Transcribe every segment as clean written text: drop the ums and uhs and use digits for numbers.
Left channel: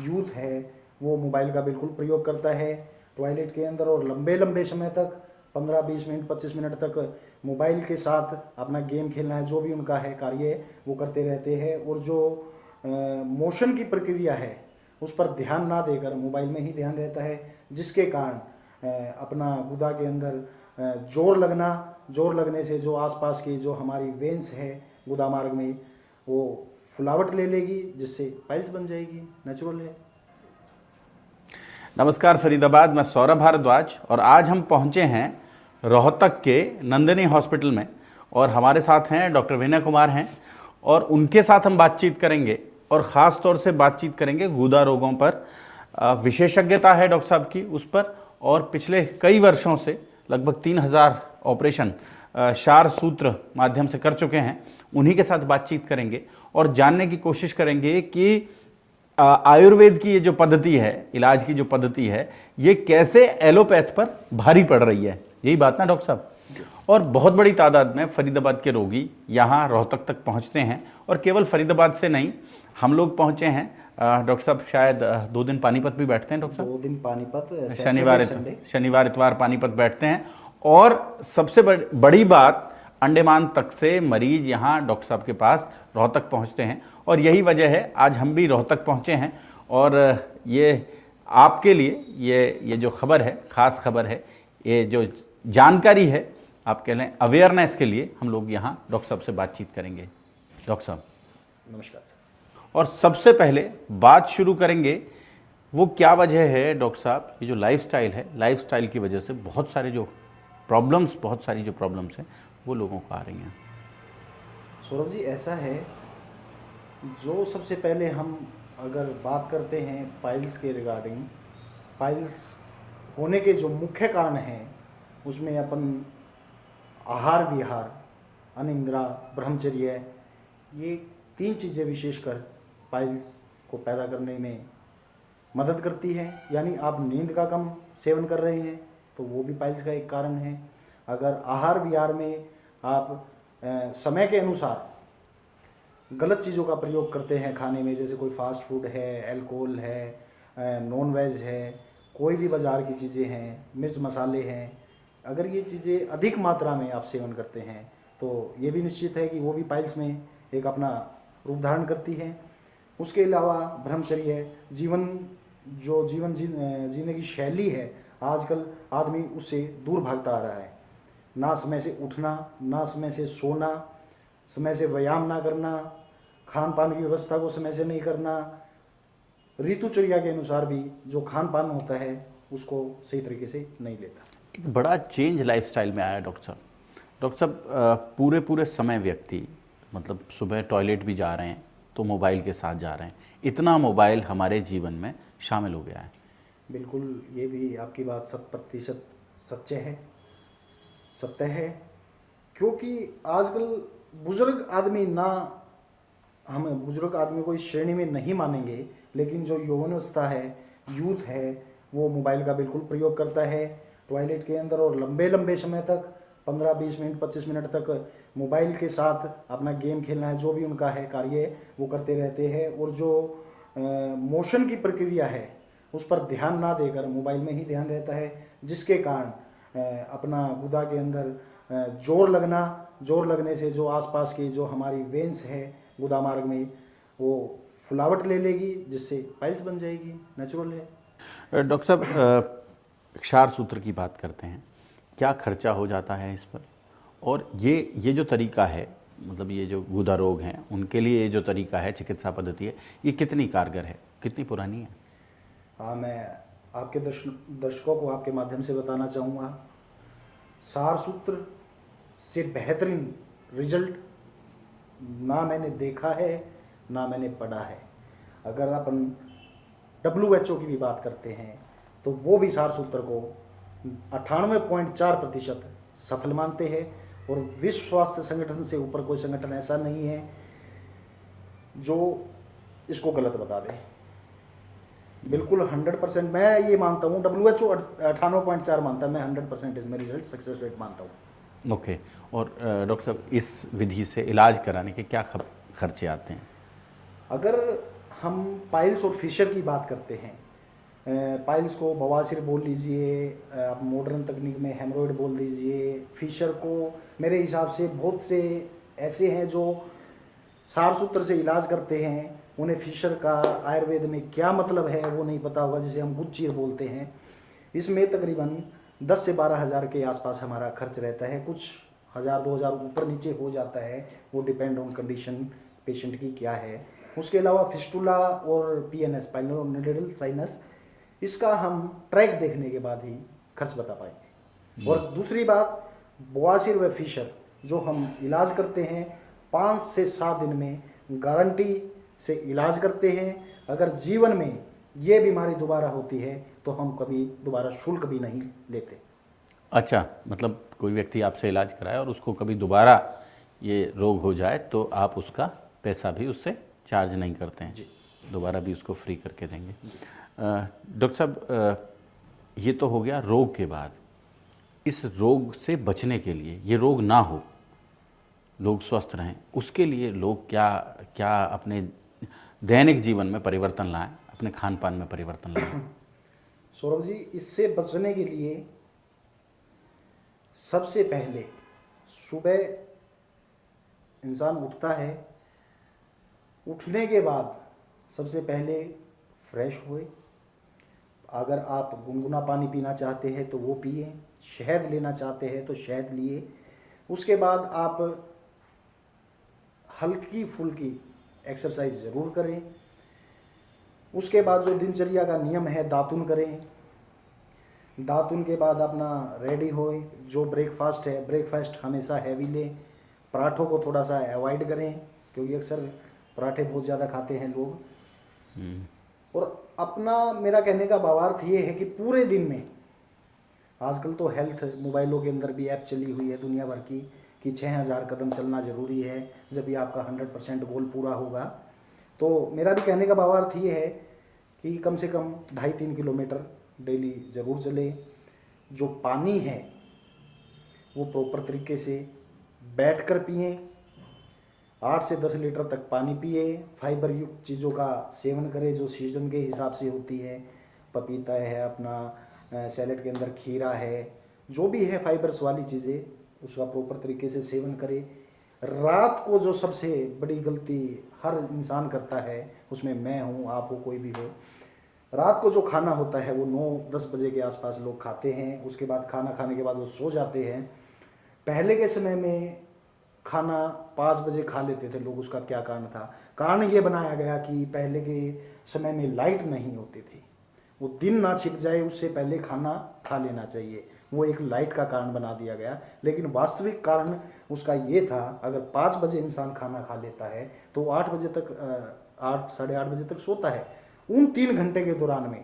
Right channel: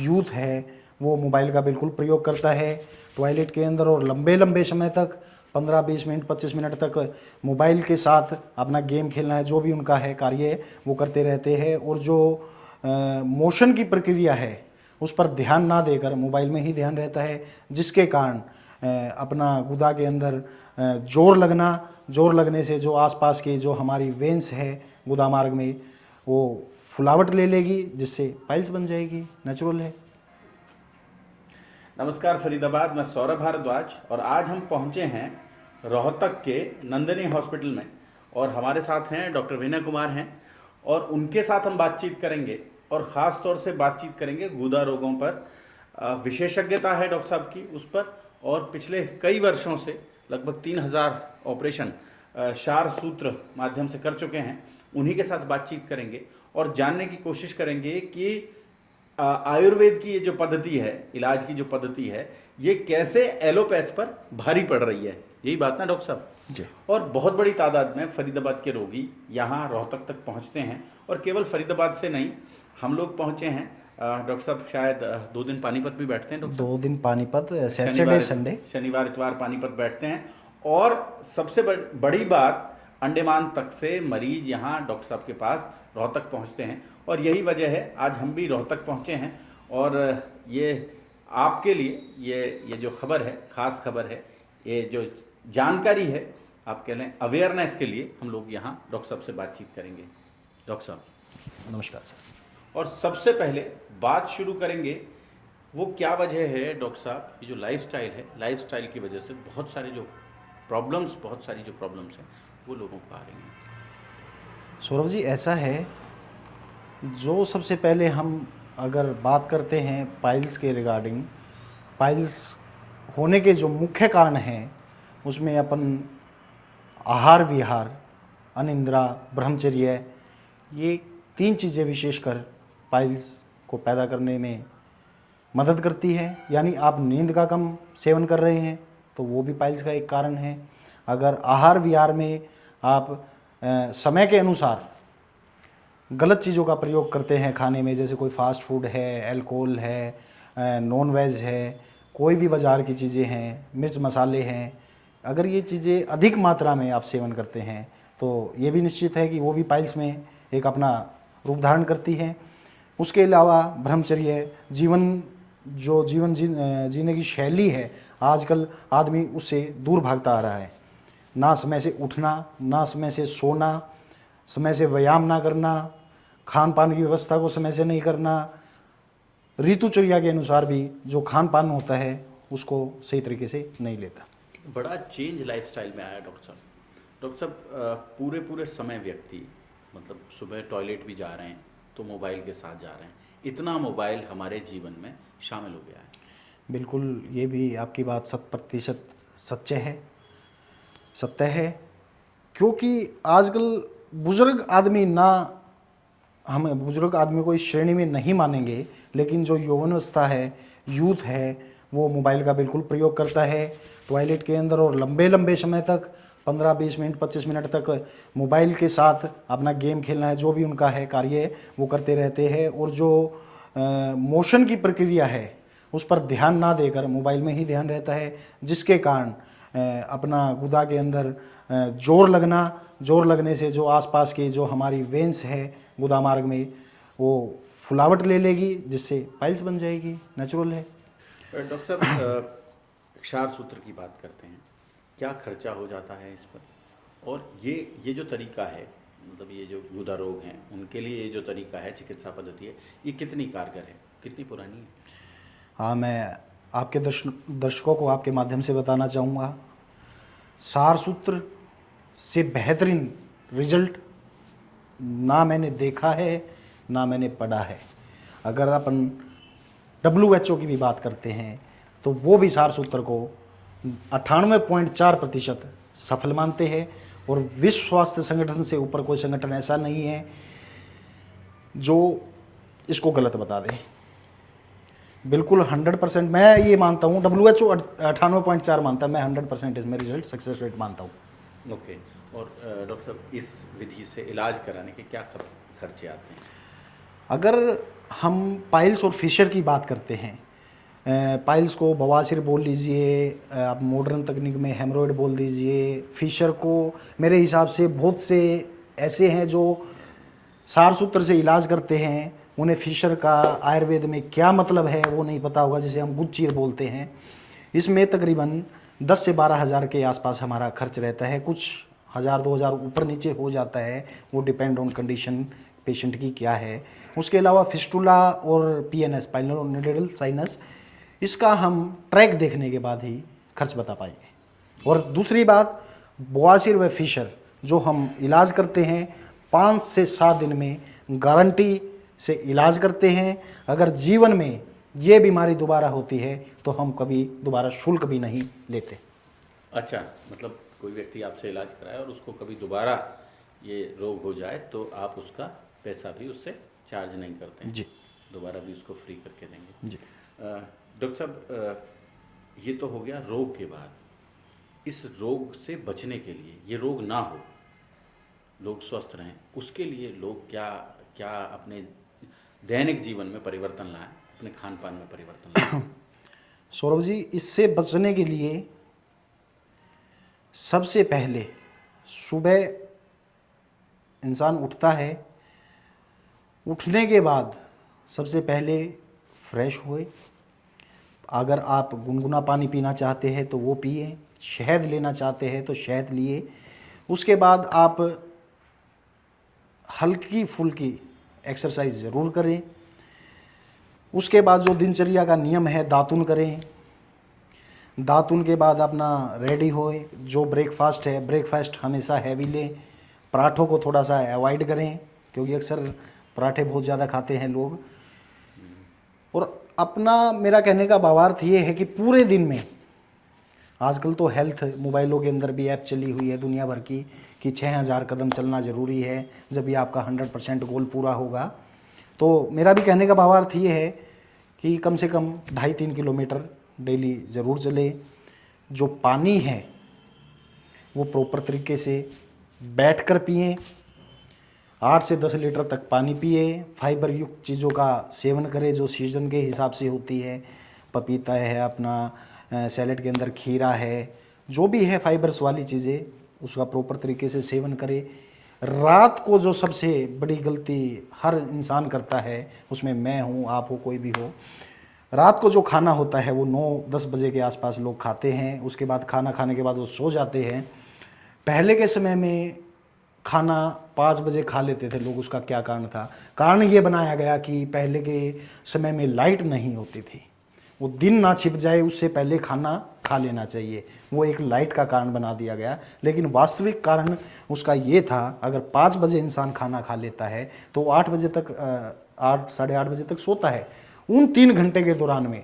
Youth है वो mobile का बिल्कुल प्रयोग करता है टॉयलेट के अंदर, और लंबे लंबे समय तक 15-20 मिनट 25 मिनट तक मोबाइल के साथ अपना गेम खेलना है, जो भी उनका है कार्य वो करते रहते हैं। और जो मोशन की प्रक्रिया है उस पर ध्यान ना देकर मोबाइल में ही ध्यान रहता है, जिसके कारण अपना गुदा के अंदर जोर लगने से जो आसपास की जो हमारी वेंस है गुदा मार्ग में वो फुलावट ले लेगी, जिससे पाइल्स बन जाएगी। नेचुरल है। नमस्कार फरीदाबाद, मैं सौरभ भारद्वाज और आज हम पहुंचे हैं रोहतक के नंदिनी हॉस्पिटल में और हमारे साथ हैं डॉक्टर विनय कुमार हैं और उनके साथ हम बातचीत करेंगे और ख़ास तौर से बातचीत करेंगे गुदा रोगों पर। विशेषज्ञता है डॉक्टर साहब की उस पर, और पिछले कई वर्षों से लगभग 3000 ऑपरेशन क्षार सूत्र माध्यम से कर चुके हैं। उन्हीं के साथ बातचीत करेंगे और जानने की कोशिश करेंगे कि आयुर्वेद की ये जो पद्धति है, इलाज की जो पद्धति है, ये कैसे एलोपैथ पर भारी पड़ रही है। यही बात ना डॉक्टर साहब? और बहुत बड़ी तादाद में फरीदाबाद के रोगी यहाँ रोहतक तक पहुँचते हैं और केवल फरीदाबाद से नहीं, हम लोग पहँचे हैं डॉक्टर साहब शायद 2 दिन पानीपत भी बैठते हैं। डॉक्टर 2 दिन पानीपत, शनिवार इतवार पानीपत बैठते हैं। और सबसे बड़ी बात, अंडमान तक से मरीज यहाँ डॉक्टर साहब के पास रोहतक पहुँचते हैं और यही वजह है आज हम भी रोहतक पहुँचे हैं। और ये आपके लिए ये जो खबर है, ख़ास खबर है, ये जो जानकारी है, आप कह लें अवेयरनेस के लिए हम लोग यहाँ डॉक्टर साहब से बातचीत करेंगे। डॉक्टर साहब नमस्कार सर। और सबसे पहले बात शुरू करेंगे, वो क्या वजह है डॉक्टर साहब, ये जो लाइफस्टाइल है, लाइफस्टाइल की वजह से बहुत सारी जो प्रॉब्लम्स हैं वो लोगों को आ रही हैं। सौरभ जी, ऐसा है, जो सबसे पहले हम अगर बात करते हैं पाइल्स के रिगार्डिंग, पाइल्स होने के जो मुख्य कारण हैं उसमें अपन आहार विहार, अनिद्रा, ब्रह्मचर्य, ये 3 चीज़ें विशेषकर पाइल्स को पैदा करने में मदद करती है। यानी आप नींद का कम सेवन कर रहे हैं तो वो भी पाइल्स का एक कारण है। अगर आहार विहार में आप समय के अनुसार गलत चीज़ों का प्रयोग करते हैं खाने में, जैसे कोई फास्ट फूड है, अल्कोहल है, नॉन वेज है, कोई भी बाज़ार की चीज़ें हैं, मिर्च मसाले हैं, अगर ये चीज़ें अधिक मात्रा में आप सेवन करते हैं तो ये भी निश्चित है कि वो भी पाइल्स में एक अपना रूप धारण करती है। उसके अलावा ब्रह्मचर्य, जीवन जीने की शैली है, आजकल आदमी उससे दूर भागता आ रहा है। ना समय से उठना, ना समय से सोना, समय से व्यायाम ना करना, खान पान की व्यवस्था को समय से नहीं करना, ऋतुचर्या के अनुसार भी जो खान पान होता है उसको सही तरीके से नहीं लेता। एक बड़ा चेंज लाइफस्टाइल में आया डॉक्टर साहब। डॉक्टर साहब पूरे समय व्यक्ति मतलब सुबह टॉयलेट भी जा रहे हैं तो मोबाइल के साथ जा रहे हैं, इतना मोबाइल हमारे जीवन में शामिल हो गया है। बिल्कुल, ये भी आपकी बात 100% सत्य है, क्योंकि आजकल बुजुर्ग आदमी हम बुजुर्ग आदमी को इस श्रेणी में नहीं मानेंगे, लेकिन जो यौवनावस्था है, यूथ है, वो मोबाइल का बिल्कुल प्रयोग करता है टॉयलेट के अंदर, और लंबे लंबे समय तक 15-20 मिनट 25 मिनट तक मोबाइल के साथ अपना गेम खेलना है, जो भी उनका है कार्य वो करते रहते हैं। और जो मोशन की प्रक्रिया है उस पर ध्यान ना देकर मोबाइल में ही ध्यान रहता है, जिसके कारण अपना गुदा के अंदर जोर लगने से जो आसपास की जो हमारी वेंस है गुदा मार्ग में वो फुलावट ले लेगी, जिससे पाइल्स बन जाएगी। नेचुरल है। डॉक्टर साहब क्षार सूत्र की बात करते हैं, क्या खर्चा हो जाता है इस पर, और ये जो तरीका है, मतलब ये जो गुदा रोग हैं उनके लिए ये जो तरीका है, चिकित्सा पद्धति है, ये कितनी कारगर है, कितनी पुरानी है? हाँ, मैं आपके दर्शकों को आपके माध्यम से बताना चाहूँगा, क्षार सूत्र से बेहतरीन रिजल्ट ना मैंने देखा है ना मैंने पढ़ा है। अगर अपन WHO की भी बात करते हैं तो वो भी क्षार सूत्र को 98.4% सफल मानते हैं, और विश्व स्वास्थ्य संगठन से ऊपर कोई संगठन ऐसा नहीं है जो इसको गलत बता दे। बिल्कुल 100% मैं ये मानता हूँ, WHO 98.4 मानता है, मैं 100% इसमें रिजल्ट सक्सेस रेट मानता हूँ। ओके। और डॉक्टर साहब इस विधि से इलाज कराने के क्या खर्चे आते हैं? अगर हम पाइल्स और फिशर की बात करते हैं। पाइल्स को बवासीर बोल लीजिए, आप मॉडर्न तकनीक में हेमरोइड बोल दीजिए। फिशर को मेरे हिसाब से बहुत से ऐसे हैं जो सार सूत्र से इलाज करते हैं, उन्हें फिशर का आयुर्वेद में क्या मतलब है वो नहीं पता होगा, जिसे हम गुज्जीर बोलते हैं। इसमें तकरीबन 10 से 12 हज़ार के आसपास हमारा खर्च रहता है, कुछ हज़ार 2 हज़ार ऊपर नीचे हो जाता है, वो डिपेंड ऑन कंडीशन पेशेंट की क्या है। उसके अलावा फिस्टुला और पीएनएस, पाइलोनेफ्राइटिस साइनस, इसका हम ट्रैक देखने के बाद ही खर्च बता पाएंगे। और दूसरी बात, बवासीर व फिशर जो हम इलाज करते हैं 5 से 7 दिन में गारंटी से इलाज करते हैं। अगर जीवन में ये बीमारी दोबारा होती है तो हम कभी दोबारा शुल्क भी नहीं लेते। अच्छा, मतलब कोई व्यक्ति आपसे इलाज कराए और उसको कभी दोबारा ये रोग हो जाए तो आप उसका पैसा भी उससे चार्ज नहीं करते हैं जी, दोबारा भी उसको फ्री करके देंगे जी। डॉक्टर साहब, ये तो हो गया रोग के बाद। इस रोग से बचने के लिए, ये रोग ना हो, लोग स्वस्थ रहें, उसके लिए लोग क्या क्या अपने दैनिक जीवन में परिवर्तन लाएं, अपने खान पान में परिवर्तन लाएं? सौरभ जी, इससे बचने के लिए सबसे पहले सुबह इंसान उठता है, उठने के बाद सबसे पहले फ्रेश हुए। अगर आप गुनगुना पानी पीना चाहते हैं तो वो पिए, शहद लेना चाहते हैं तो शहद लिए। उसके बाद आप हल्की फुल्की एक्सरसाइज ज़रूर करें। उसके बाद जो दिनचर्या का नियम है, दातुन करें। दातुन के बाद अपना रेडी होए, जो ब्रेकफास्ट है, ब्रेकफास्ट हमेशा हैवी लें। पराठों को थोड़ा सा अवॉइड करें क्योंकि अक्सर पराठे बहुत ज़्यादा खाते हैं लोग। और अपना, मेरा कहने का भावार्थ ये है कि पूरे दिन में, आजकल तो हेल्थ मोबाइलों के अंदर भी ऐप चली हुई है दुनिया भर की कि 6000 कदम चलना ज़रूरी है जब भी आपका 100% गोल पूरा होगा। तो मेरा भी कहने का भावार्थ ये है कि कम से कम 2.5-3 किलोमीटर डेली ज़रूर चले। जो पानी है वो प्रॉपर तरीके से बैठकर पिएं, 8 से 10 लीटर तक पानी पिए। फाइबर युक्त चीज़ों का सेवन करें जो सीजन के हिसाब से होती है, पपीता है, अपना सैलेड के अंदर खीरा है, जो भी है फाइबर्स वाली चीज़ें, उसका प्रॉपर तरीके से सेवन करें। रात को जो सबसे बड़ी गलती हर इंसान करता है, उसमें मैं हूँ, आप हो, कोई भी हो, रात को जो खाना होता है वो 9-10 बजे के आसपास लोग खाते हैं। उसके बाद खाना खाने के बाद वो सो जाते हैं। पहले के समय में खाना 5 बजे खा लेते थे लोग। उसका क्या कारण था? कारण ये बनाया गया कि पहले के समय में लाइट नहीं होती थी, वो दिन ना छिप जाए उससे पहले खाना खा लेना चाहिए, वो एक लाइट का कारण बना दिया गया। लेकिन वास्तविक कारण उसका ये था, अगर 5 बजे इंसान खाना खा लेता है तो वो 8 बजे तक 8 साढ़े 8 बजे तक सोता है। उन 3 घंटे के दौरान में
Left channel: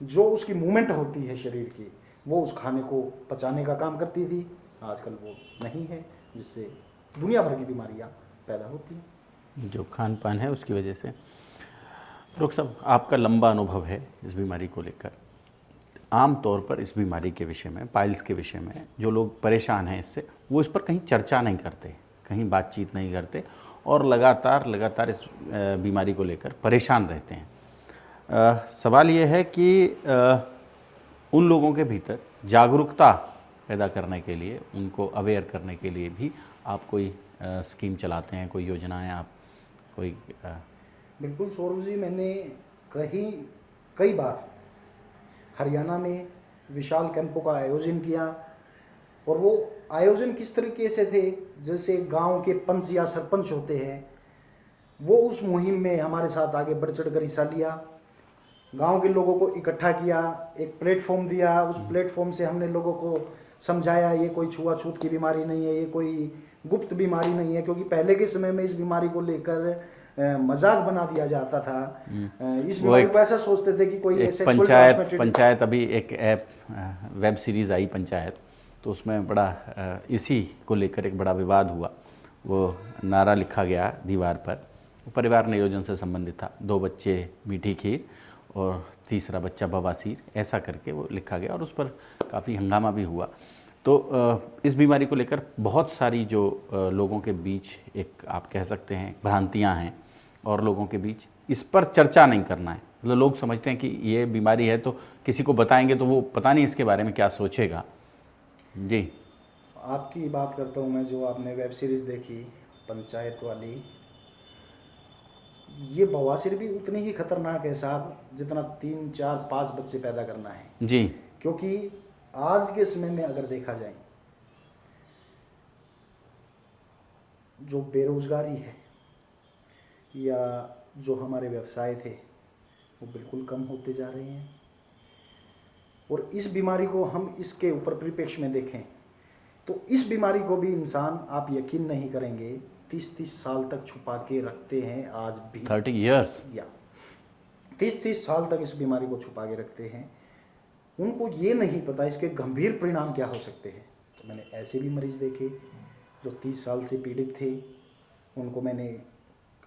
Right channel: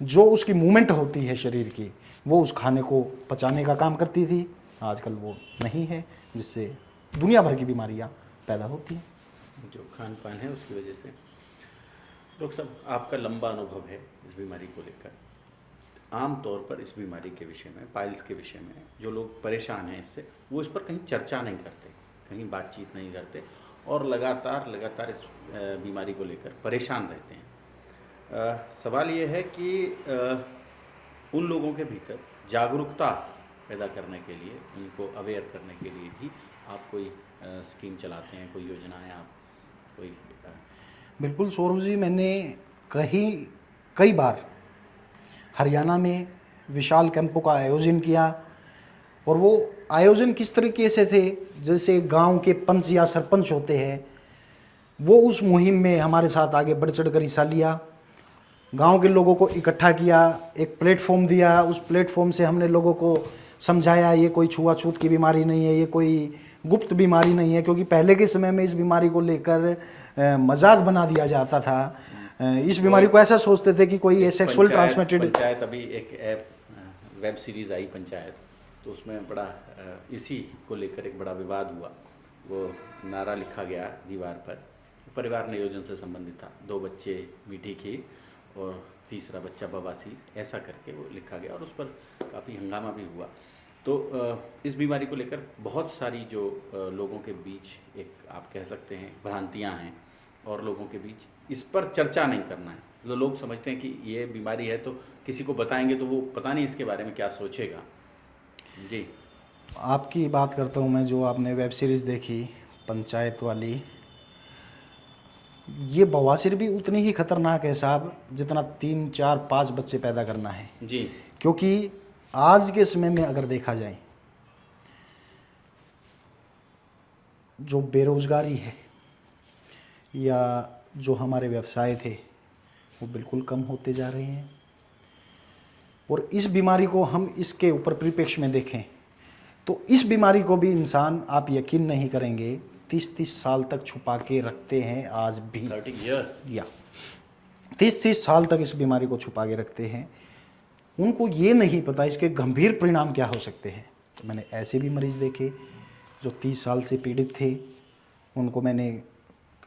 जो उसकी मूवमेंट होती है शरीर की, वो उस खाने को पचाने का काम करती थी। आजकल वो नहीं है, जिससे दुनिया भर की बीमारियां पैदा होती हैं। जो खान पान है उसकी वजह से। डॉक्टर साहब, आपका लंबा अनुभव है इस बीमारी को लेकर। आम तौर पर इस बीमारी के विषय में, पाइल्स के विषय में, जो लोग परेशान हैं इससे, वो इस पर कहीं चर्चा नहीं करते, कहीं बातचीत नहीं करते और लगातार इस बीमारी को लेकर परेशान रहते हैं। सवाल ये है कि उन लोगों के भीतर जागरूकता पैदा करने के लिए, उनको अवेयर करने के लिए भी आप कोई स्कीम चलाते हैं, कोई योजनाएं आप कोई बिल्कुल सौरभ जी, मैंने कई बार हरियाणा में विशाल कैंपों का आयोजन किया। और वो आयोजन किस तरीके से थे, जैसे गांव के पंच या सरपंच होते हैं, वो उस मुहिम में हमारे साथ आगे बढ़ चढ़ कर हिस्सा लिया। गांव के लोगों को इकट्ठा किया, एक प्लेटफॉर्म दिया। उस प्लेटफॉर्म से हमने लोगों को समझाया ये कोई छुआछूत की बीमारी नहीं है, ये कोई गुप्त बीमारी नहीं है। क्योंकि पहले के समय में इस बीमारी को लेकर मजाक बना दिया जाता था। इस बीमारी को ऐसा सोचते थे कि कोई ये सेक्सुअल ट्रांसमिटेड। पंचायत, अभी एक ऐप वेब सीरीज़ आई पंचायत, तो उसमें बड़ा इसी को लेकर एक बड़ा विवाद हुआ। वो नारा लिखा गया दीवार पर, परिवार नियोजन से संबंधित था। 2 बच्चे मीठी खीर और तीसरा बच्चा बवासीर, ऐसा करके वो लिखा गया और उस पर काफ़ी हंगामा भी हुआ। तो इस बीमारी को लेकर बहुत सारी जो लोगों के बीच एक आप कह सकते हैं भ्रांतियां हैं और लोगों के बीच इस पर चर्चा नहीं करना है। मतलब लोग समझते हैं कि ये बीमारी है तो किसी को बताएंगे तो वो पता नहीं इसके बारे में क्या सोचेगा। जी आपकी बात करता हूँ मैं, जो आपने वेब सीरीज़ देखी पंचायत वाली, ये बवासीर भी उतनी ही खतरनाक है साहब जितना 3 4 5 बच्चे पैदा करना है। जी क्योंकि आज के समय में अगर देखा जाए, जो बेरोजगारी है या जो हमारे व्यवसाय थे वो बिल्कुल कम होते जा रहे हैं। और इस बीमारी को हम इसके ऊपर परिप्रेक्ष्य में देखें तो इस बीमारी को भी इंसान, आप यकीन नहीं करेंगे, 30-30 साल तक छुपा के रखते हैं आज भी। 30 ईयर्स या 30-30 साल तक इस बीमारी को छुपा के रखते हैं। उनको ये नहीं पता इसके गंभीर परिणाम क्या हो सकते हैं। तो मैंने ऐसे भी मरीज़ देखे जो 30 साल से पीड़ित थे, उनको मैंने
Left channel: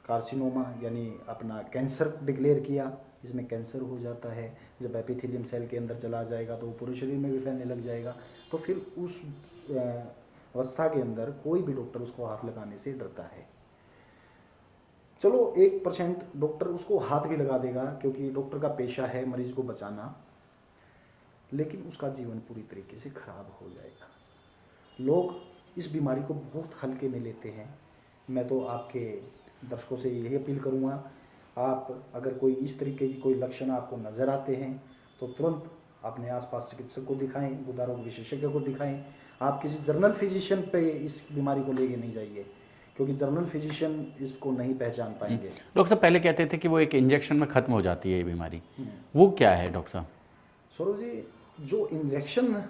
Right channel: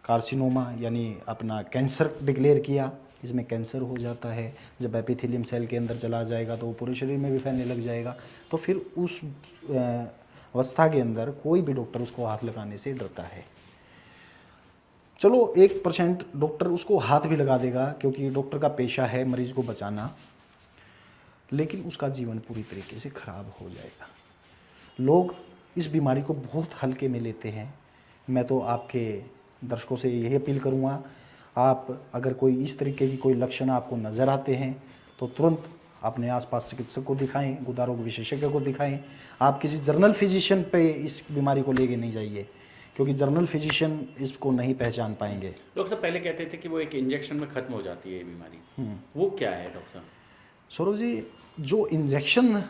कार्सिनोमा यानी अपना कैंसर डिक्लेयर किया, इसमें कैंसर हो जाता है। जब एपिथेलियम सेल के अंदर चला जाएगा तो वो पूरे शरीर में भी फैलने लग जाएगा। तो फिर उस अवस्था के अंदर कोई भी डॉक्टर उसको हाथ लगाने से डरता है। चलो 1% डॉक्टर उसको हाथ भी लगा देगा क्योंकि डॉक्टर का पेशा है मरीज़ को बचाना, लेकिन उसका जीवन पूरी तरीके से खराब हो जाएगा। लोग इस बीमारी को बहुत हल्के में लेते हैं। मैं तो आपके दर्शकों से यही अपील करूँगा, आप अगर कोई इस तरीके की कोई लक्षण आपको नज़र आते हैं तो तुरंत अपने आसपास चिकित्सक को दिखाएं, गुदारोग विशेषज्ञ को दिखाएं। आप किसी जर्नल फिजिशियन पे इस बीमारी को लेके नहीं जाइए क्योंकि जर्नल फिजिशियन इसको नहीं पहचान पाएंगे। डॉक्टर साहब पहले कहते थे कि वो एक इंजेक्शन में ख़त्म हो जाती है ये बीमारी, वो क्या है डॉक्टर साहब? सौरभ जी, जो इंजेक्शन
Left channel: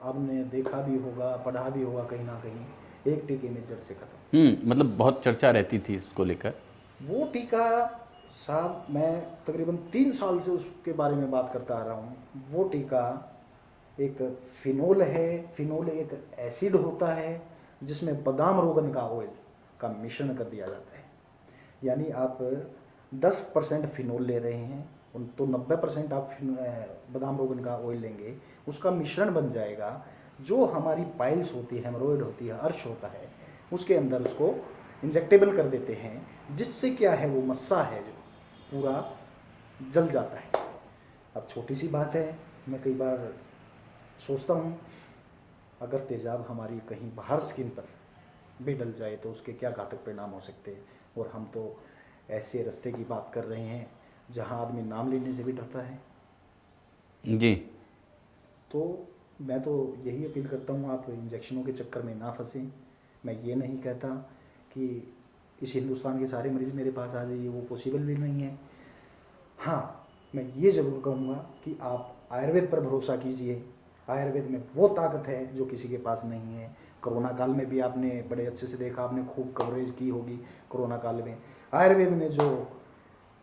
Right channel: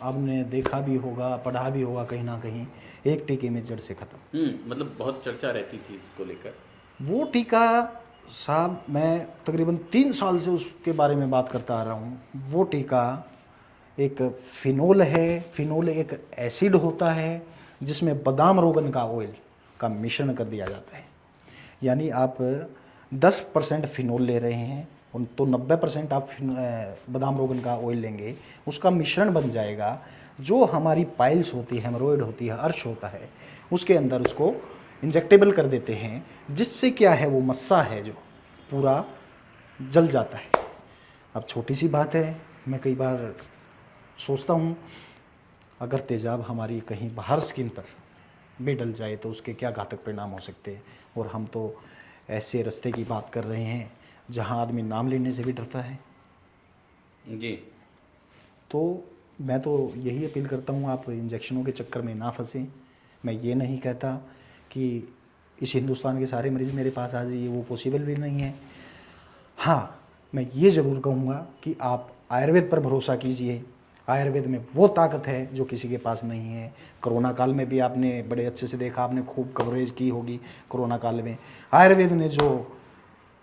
आपने देखा भी होगा, पढ़ा भी होगा कहीं ना कहीं, एक टीके में जड़ से ख़त्म। मतलब बहुत चर्चा रहती थी इसको लेकर। वो टीका साहब, मैं तकरीबन 3 साल से उसके बारे में बात करता आ रहा हूँ। वो टीका एक फिनोल है। फिनोल एक एसिड होता है जिसमें बादाम रोगन का ऑयल का मिश्रण कर दिया जाता है। यानी आप 10% फिनोल ले रहे हैं तो 90% आप बादाम रोगन का ऑयल लेंगे, उसका मिश्रण बन जाएगा। जो हमारी पाइल्स होती है, हेमरोइड होती है, अर्श होता है, उसके अंदर उसको इंजेक्टेबल कर देते हैं, जिससे क्या है वो मस्सा है जो पूरा जल जाता है। अब छोटी सी बात है, मैं कई बार सोचता हूँ अगर तेज़ाब हमारी कहीं बाहर स्किन पर भी डल जाए तो उसके क्या घातक परिणाम हो सकते हैं। और हम तो ऐसे रास्ते की बात कर रहे हैं जहाँ आदमी नाम लेने से भी डरता है। जी तो मैं तो यही अपील करता हूँ, आप इंजेक्शनों के चक्कर में ना फंसें। मैं ये नहीं कहता कि इस हिंदुस्तान के सारे मरीज़ मेरे पास आ जाइए, वो पॉसिबल भी नहीं है। हाँ, मैं ये ज़रूर कहूँगा कि आप आयुर्वेद पर भरोसा कीजिए। आयुर्वेद में वो ताकत है जो किसी के पास नहीं है। कोरोना काल में भी आपने बड़े अच्छे से देखा, आपने खूब कवरेज की होगी कोरोना काल में। आयुर्वेद ने जो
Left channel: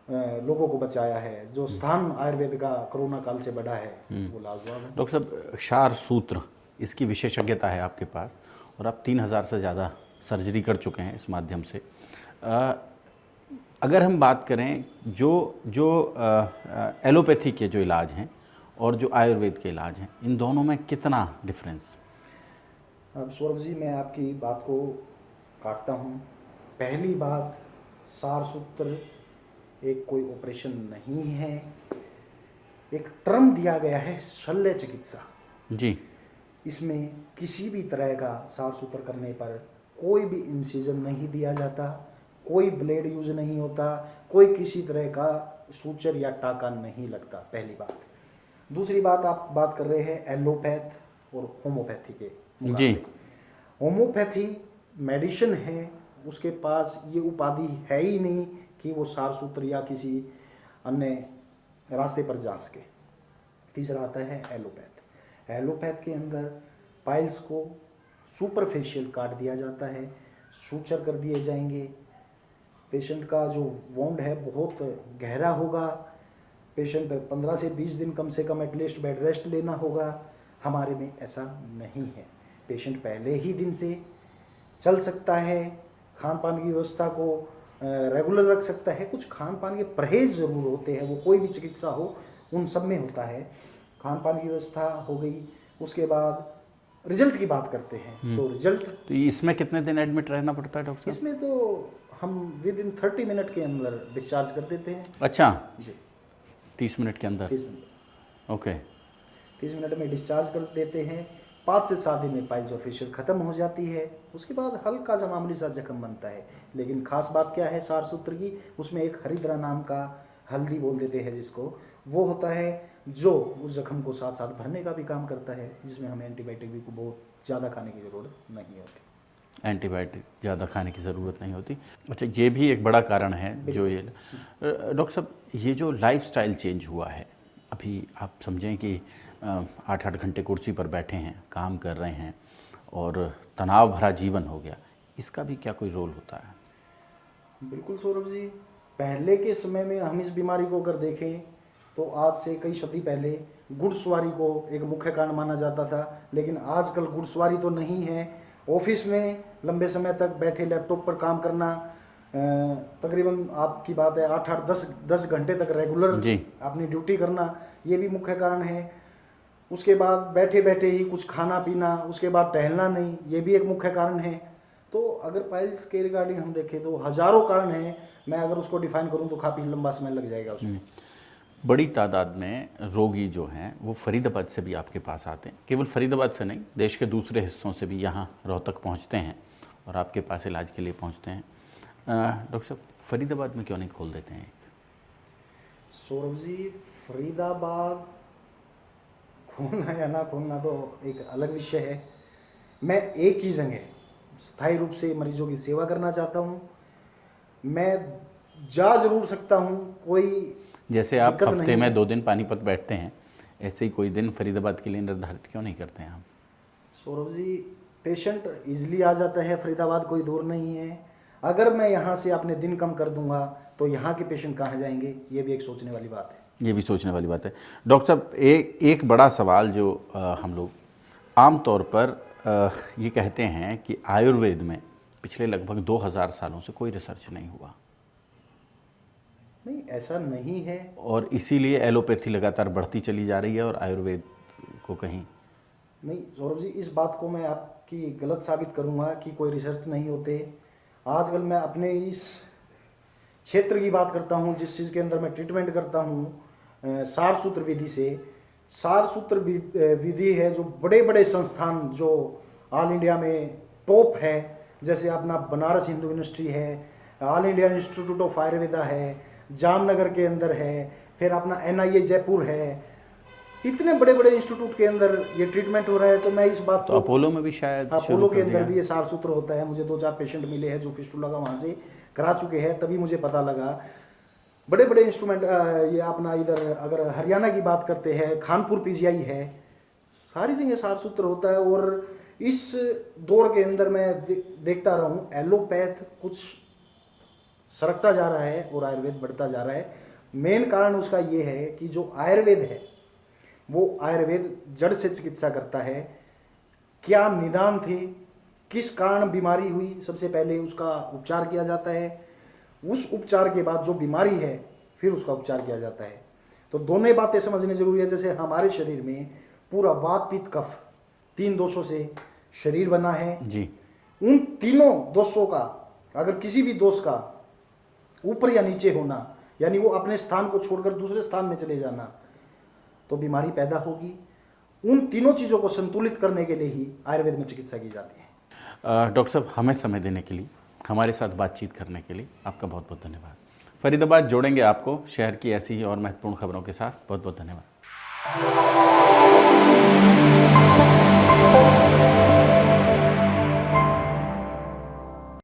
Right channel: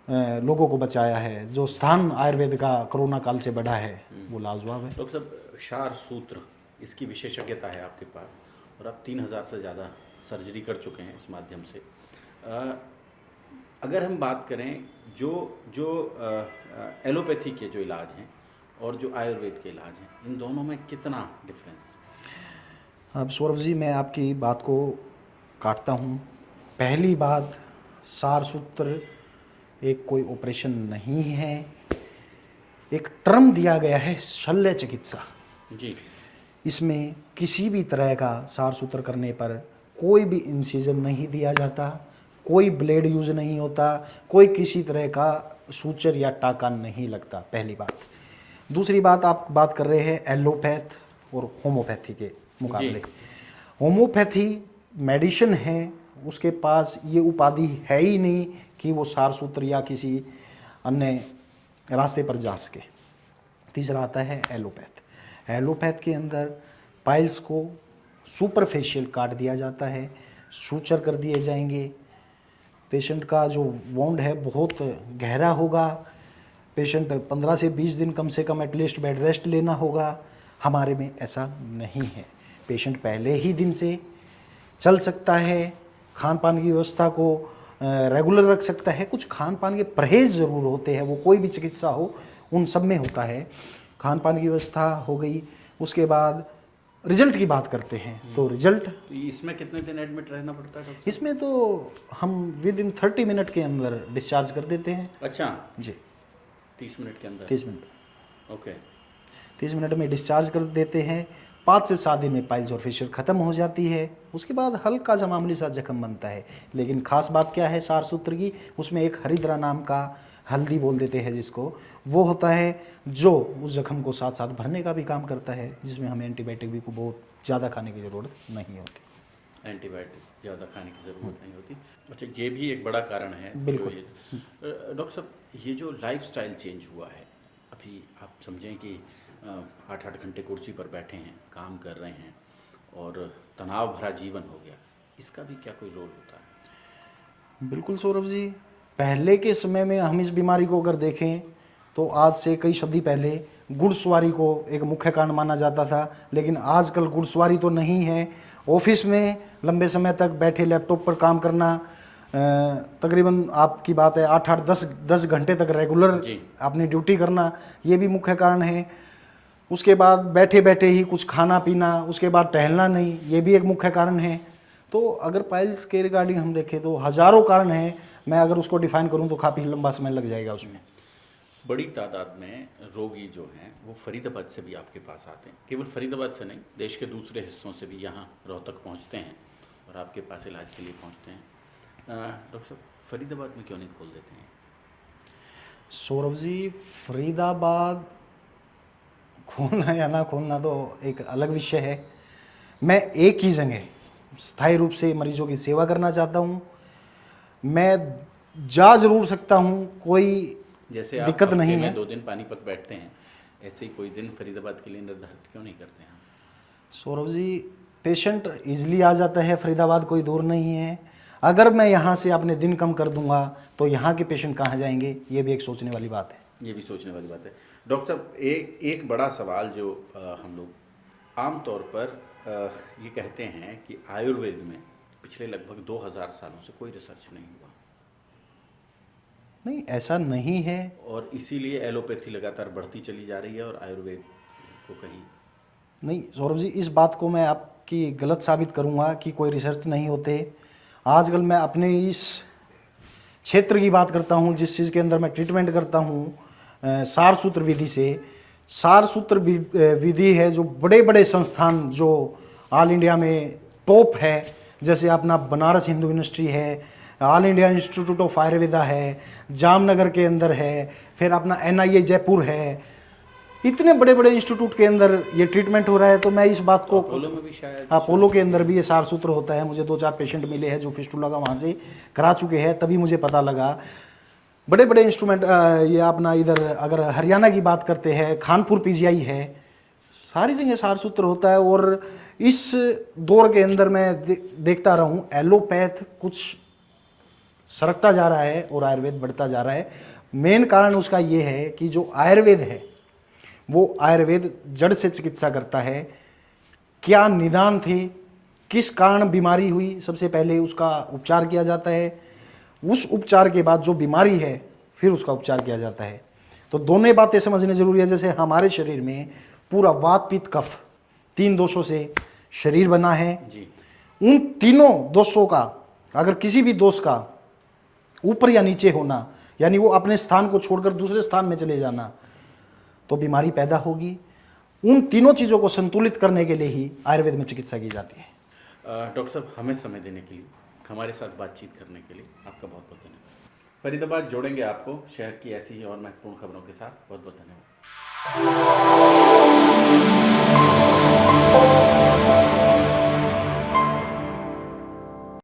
लोगों को बचाया है, जो स्थान आयुर्वेद का कोरोना काल से बढ़ा है, वो लाजवाब है। डॉक्टर साहब, क्षार सूत्र इसकी विशेषज्ञता है आपके पास और आप 3000 से ज़्यादा सर्जरी कर चुके हैं इस माध्यम से। अगर हम बात करें जो एलोपैथी के जो इलाज हैं और जो आयुर्वेद के इलाज हैं, इन दोनों में कितना डिफरेंस? अब सौरभ जी, मैं आपकी बात को काटता हूँ। पहली बात, सार सूत्र एक कोई ऑपरेशन नहीं है, एक टर्म दिया गया है शल्य चिकित्सा। जी, इसमें किसी भी तरह का सार सूत्र करने पर कोई भी इंसिजन नहीं दिया जाता, कोई ब्लेड यूज नहीं होता, कोई किसी तरह का सूचर या टाका नहीं लगता, पहली बात। दूसरी बात, आप बात कर रहे हैं एलोपैथ और होम्योपैथी के मुकाबले। होम्योपैथी मेडिसिन है, उसके पास ये उपाधि है ही नहीं कि वो सार सूत्र या किसी अन्य रास्ते पर जा सके। तीसरा आता है एलोपैथ। एलोपैथ के अंदर पाइल्स को सुपरफेशियल काट दिया जाता है, सूचर कर दिए जाएंगे। पेशेंट का जो वोंड है बहुत गहरा होगा, पेशेंट 15 से 20 दिन कम से कम एटलीस्ट बेड रेस्ट लेना होगा। हमारे में ऐसा नहीं है, पेशेंट पहले ही दिन से चल सकता है, खान पान की व्यवस्था को रेगुलर रख सकता है। कुछ खान पान के परहेज़ ज़रूर होते हैं, वो कोई भी चिकित्सा हो उन सब में होता है। खान पान की व्यवस्था हो गई, उसके बाद रिजल्ट की बात करते हैं तो रिजल्ट तो इसमें कितने दिन एडमिट रहना पड़ता है डॉक्टर? इसमें तो हम विद इन 30 मिनट के अंदर डिस्चार्ज कर देते हैं। अच्छा, जी 30 मिनट के अंदर? 30 मिनट, ओके। 30 मिनट में डिस्चार्ज कर देते हैं। 5 से 7 दिन में पाइल्स और फिशर ख़त्म हो जाती है। उसके बाद हल्का सा मामूली सा जख्म बनता है, लेकिन खास बात क्या है सार सूत्र की, उसमें एक हरिद्रा नाम का हल्दी बोल देते हैं जिसको, वो होता है जो उस जख्म को साथ साथ भरने का भी काम करता है, जिसमें हमें एंटीबायोटिक भी को बहुत ज़्यादा खाने की ज़रूरत नहीं होती। एंटीबायोटिक ज़्यादा खाने की ज़रूरत नहीं होती। अच्छा, ये भी एक बड़ा कारण है जो ये डॉक्टर साहब, ये जो लाइफस्टाइल चेंज हुआ है, अभी आप समझें कि 8-8 घंटे कुर्सी पर बैठे हैं, काम कर रहे हैं और तनाव भरा जीवन हो गया, इसका भी क्या कोई रोल होता है? बिल्कुल सौरभ जी, पहले के समय में हम इस बीमारी को अगर देखें तो आज से कई सदी पहले घुड़सवारी को एक मुख्य कारण माना जाता था, लेकिन आजकल घुड़सवारी तो नहीं है। ऑफिस में लंबे समय तक बैठे लैपटॉप पर काम करना, तकरीबन आपकी बात है 8-8 10 घंटे तक रेगुलर जी। अपनी ड्यूटी करना, ये भी मुख्य कारण है। उसके बाद बैठे बैठे ही कुछ खाना पीना, उसके बाद टहलना नहीं, ये भी एक मुख्य कारण है। तो अगर पाइल्स के रिगार्डिंग हम देखें तो हज़ारों कारण हैं, मैं अगर उसको डिफाइन करूं तो काफ़ी लंबा समय लग जाएगा उसमें। बड़ी तादाद में रोगी जो हैं वो फरीदाबाद से भी आपके पास आते हैं, केवल फरीदाबाद से नहीं, देश के दूसरे हिस्सों से भी यहाँ रोहतक पहुँचते हैं और आपके पास इलाज के लिए पहुँचते हैं। डॉक्टर साहब, फरीदाबाद में क्यों नहीं खोल देते हैं? सौरभ जी, फरीदाबाद खोलना या ना खोलना तो एक अलग विषय है। मैं एक ही जगह स्थायी रूप से मरीजों की सेवा करना चाहता हूँ। मैं जा जरूर सकता हूँ, कोई जैसे आप दिक्कत हफ्ते नहीं में है। 2 दिन पानीपत बैठते हैं, ऐसे ही कोई दिन फरीदाबाद के लिए निर्धारित क्यों नहीं करते हैं आप? सौरभ जी, पेशेंट इजीली आ जाता है, फरीदाबाद कोई दूर नहीं है। अगर मैं यहाँ से अपने दिन कम कर दूंगा तो यहाँ के पेशेंट कहाँ जाएंगे, ये भी एक सोचने वाली बात है। ये भी सोचने वाली बात है। डॉक्टर साहब, एक बड़ा सवाल जो हम लोग आम तौर पर ये कहते हैं कि आयुर्वेद में पिछले लगभग 2000 सालों से कोई रिसर्च नहीं हुआ, नहीं ऐसा नहीं है। और इसीलिए एलोपैथी लगातार बढ़ती चली जा रही है और आयुर्वेद को कहीं नहीं सौरभ जी, इस बात को मैं आपकी गलत साबित करूंगा कि कोई रिसर्च नहीं होते। आजकल मैं अपने इस क्षेत्र की बात करता हूं, जिस चीज़ के अंदर मैं ट्रीटमेंट करता हूं, सार सूत्र विधि से। सार सूत्र विधि है जो बड़े बड़े संस्थान जो ऑल इंडिया में टॉप है, जैसे अपना बनारस हिंदू यूनिवर्सिटी है, all India institute of Ayurveda है, जामनगर के अंदर है, फिर अपना NIA जयपुर है, इतने बड़े बड़े इंस्टीट्यूट के अंदर ये ट्रीटमेंट हो रहा है। तो मैं इस बात तो को, अपोलो में भी शायद अपोलो के अंदर भी ये सार सूत्र होता है। मुझे 2-4 पेशेंट मिले हैं जो फिस्टुला का वहाँ से करा चुके हैं, तभी मुझे पता लगा। बड़े बड़े इंस्ट्रूमेंट, ये अपना इधर अगर हरियाणा की बात करते हैं, खानपुर PGI है, सारी जगह सार सूत्र होता है। और इस दौर के अंदर मैं देखता रहा हूँ एलोपैथ कुछ सरकता जा रहा है और आयुर्वेद बढ़ता जा रहा है। मेन कारण उसका ये है कि जो आयुर्वेद है वो आयुर्वेद जड़ से चिकित्सा करता है। क्या निदान थे, किस कारण बीमारी हुई, सबसे पहले उसका उपचार किया जाता है। उस उपचार के बाद जो बीमारी है फिर उसका उपचार किया जाता है। तो दोनों बातें समझनी जरूरी है। जैसे हमारे शरीर में पूरा वात पित्त कफ 3 दोषों से शरीर बना है जी। उन तीनों दोषों का अगर किसी भी दोष का ऊपर या नीचे होना, यानी वो अपने स्थान को छोड़कर दूसरे स्थान में चले जाना, तो बीमारी पैदा होगी। उन तीनों चीज़ों को संतुलित करने के लिए ही आयुर्वेद में चिकित्सा की जाती है। डॉक्टर साहब, हमें समय देने के लिए, हमारे साथ बातचीत करने के लिए आपका बहुत बहुत धन्यवाद। फरीदाबाद जोड़ेंगे आपको शहर की ऐसी ही और महत्वपूर्ण खबरों के साथ। बहुत बहुत धन्यवाद।